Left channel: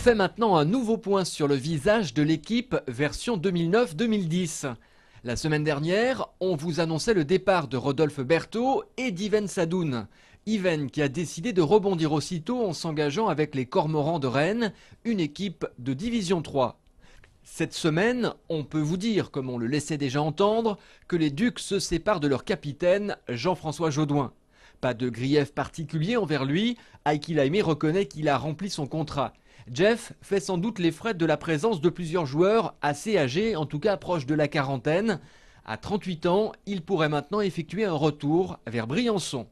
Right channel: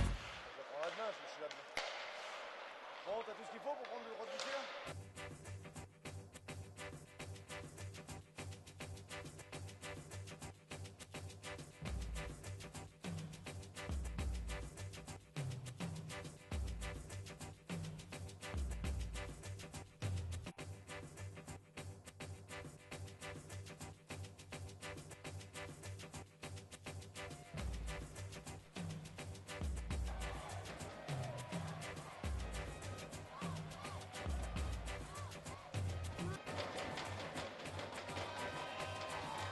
fait maintenant un nouveau point sur le visage de l'équipe version 2009-2010. La semaine dernière, on vous annonçait le départ de Rodolphe Berthaud et d'Yven Sadoun. Yven qui a décidé de rebondir aussitôt en s'engageant avec les Cormorans de Rennes, une équipe de Division 3. Cette semaine, on peut vous dire, comme on le laissait déjà entendre, que les Ducs se séparent de leur capitaine, Jean-François Jaudoin. Pas de grief particulier envers lui, Heikki Laimé reconnaît qu'il a rempli son contrat. Jeff fait sans doute les frais de la présence de plusieurs joueurs assez âgés, en tout cas proches de la quarantaine. À 38 ans, il pourrait maintenant effectuer un retour vers Briançon.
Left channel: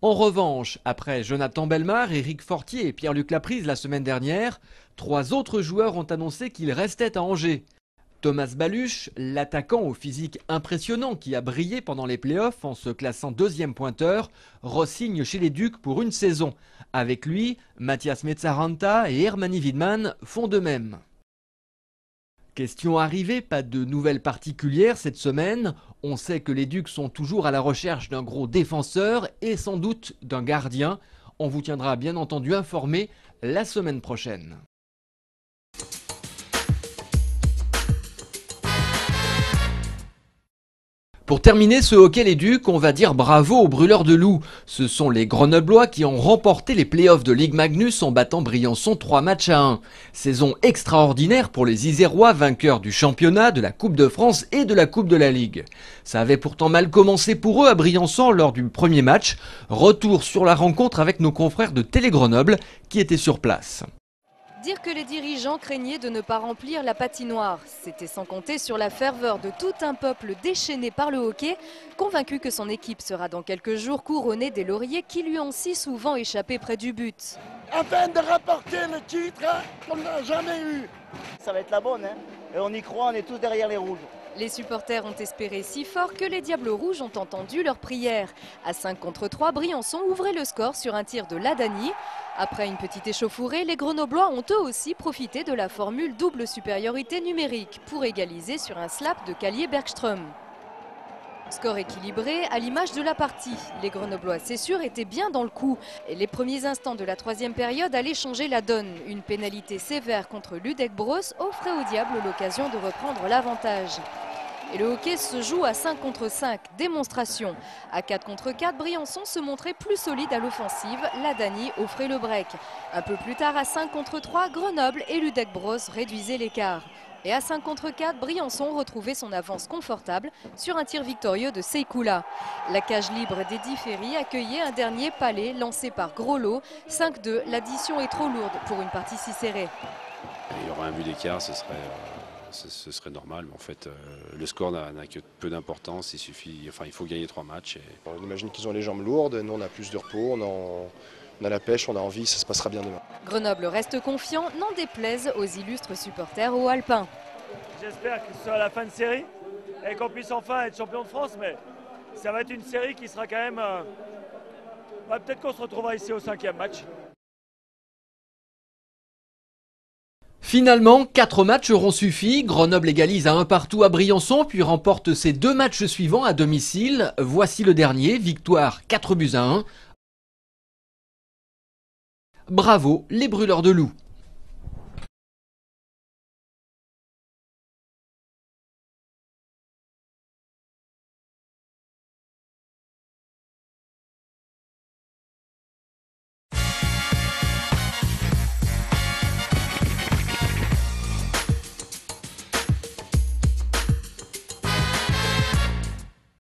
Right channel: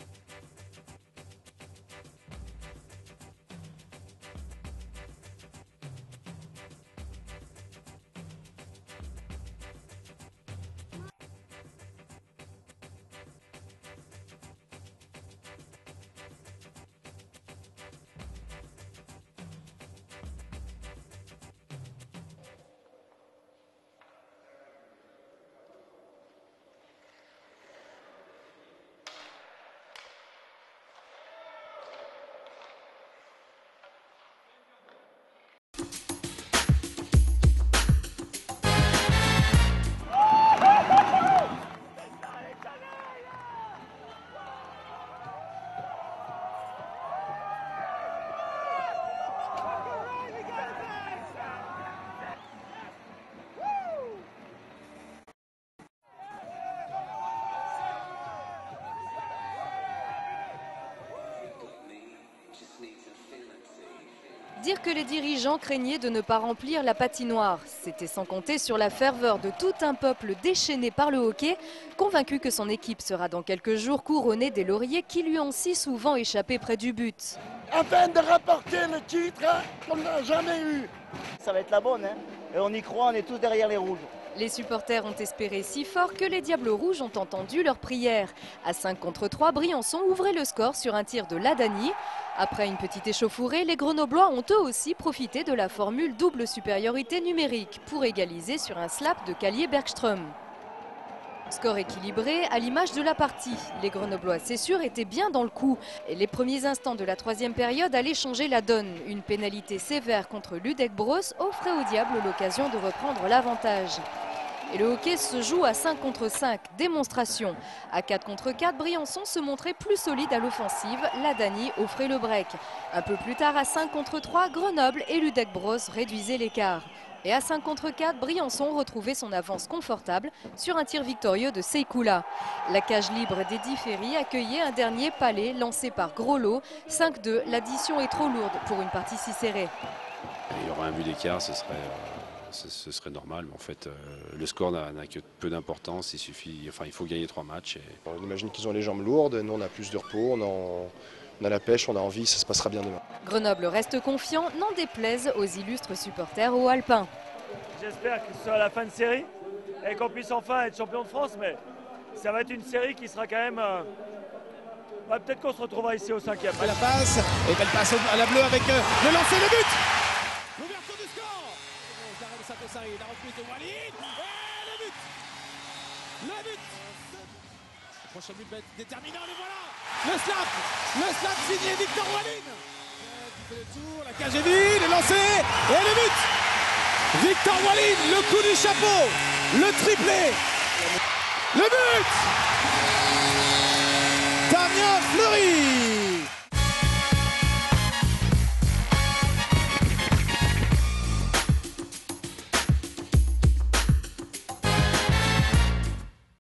En revanche, après Jonathan Bellemare, Éric Fortier et Pierre-Luc Laprise la semaine dernière, 3 autres joueurs ont annoncé qu'ils restaient à Angers. Thomas Baluch, l'attaquant au physique impressionnant qui a brillé pendant les playoffs en se classant 2e pointeur, re-signe chez les Ducs pour une saison. Avec lui, Mathias Mezzaranta et Hermani Widman font de même. Question arrivée, pas de nouvelles particulières cette semaine. On sait que les Ducs sont toujours à la recherche d'un gros défenseur et sans doute d'un gardien. On vous tiendra bien entendu informé la semaine prochaine. Pour terminer ce hockey les Ducs, on va dire bravo aux brûleurs de loups. Ce sont les Grenoblois qui ont remporté les playoffs de Ligue Magnus en battant Briançon 3-1. Saison extraordinaire pour les Isérois, vainqueurs du championnat, de la Coupe de France et de la Coupe de la Ligue. Ça avait pourtant mal commencé pour eux à Briançon lors du premier match. Retour sur la rencontre avec nos confrères de Télé Grenoble qui étaient sur place. Dire que les dirigeants craignaient de ne pas remplir la patinoire, c'était sans compter sur la ferveur de tout un peuple déchaîné par le hockey, convaincu que son équipe sera dans quelques jours couronnée des lauriers qui lui ont si souvent échappé près du but. Afin de rapporter le titre qu'on n'a jamais eu. Ça va être la bonne, hein. Et on y croit, on est tous derrière les rouges. Les supporters ont espéré si fort que les Diables Rouges ont entendu leur prière. À 5 contre 3, Briançon ouvrait le score sur un tir de Ladani. Après une petite échauffourée, les Grenoblois ont eux aussi profité de la formule double supériorité numérique pour égaliser sur un slap de Callier-Bergström. Score équilibré à l'image de la partie. Les Grenoblois, c'est sûr, étaient bien dans le coup. Et les premiers instants de la 3e période allaient changer la donne. Une pénalité sévère contre Ludek Bros offrait aux Diables l'occasion de reprendre l'avantage. Et le hockey se joue à 5 contre 5, démonstration. À 4 contre 4, Briançon se montrait plus solide à l'offensive, Ladani offrait le break. Un peu plus tard, à 5 contre 3, Grenoble et Ludek Bros réduisaient l'écart. Et à 5 contre 4, Briançon retrouvait son avance confortable sur un tir victorieux de Seikoula. La cage libre d'Eddy Ferry accueillait un dernier palais lancé par Groslo. 5-2, l'addition est trop lourde pour une partie si serrée. Il y aura un but d'écart, ce serait normal, mais en fait le score n'a que peu d'importance, il faut gagner 3 matchs. On imagine qu'ils ont les jambes lourdes, nous on a plus de repos, on a la pêche, on a envie, ça se passera bien demain. Grenoble reste confiant, n'en déplaise aux illustres supporters au Alpin. J'espère que ce sera la fin de série et qu'on puisse enfin être champion de France, mais ça va être une série qui sera quand même... peut-être qu'on se retrouvera ici au 5e match. La passe, et belle passe à la bleue avec le lancer, le but. Finalement, 4 matchs auront suffi. Grenoble égalise à 1 partout à Briançon, puis remporte ses 2 matchs suivants à domicile. Voici le dernier, victoire 4-1. Le slap signé Victor Walid. Bravo les brûleurs de loups. La cage est vide, le lancer et le but. Victor Walid, le coup du chapeau, le triplé, le but.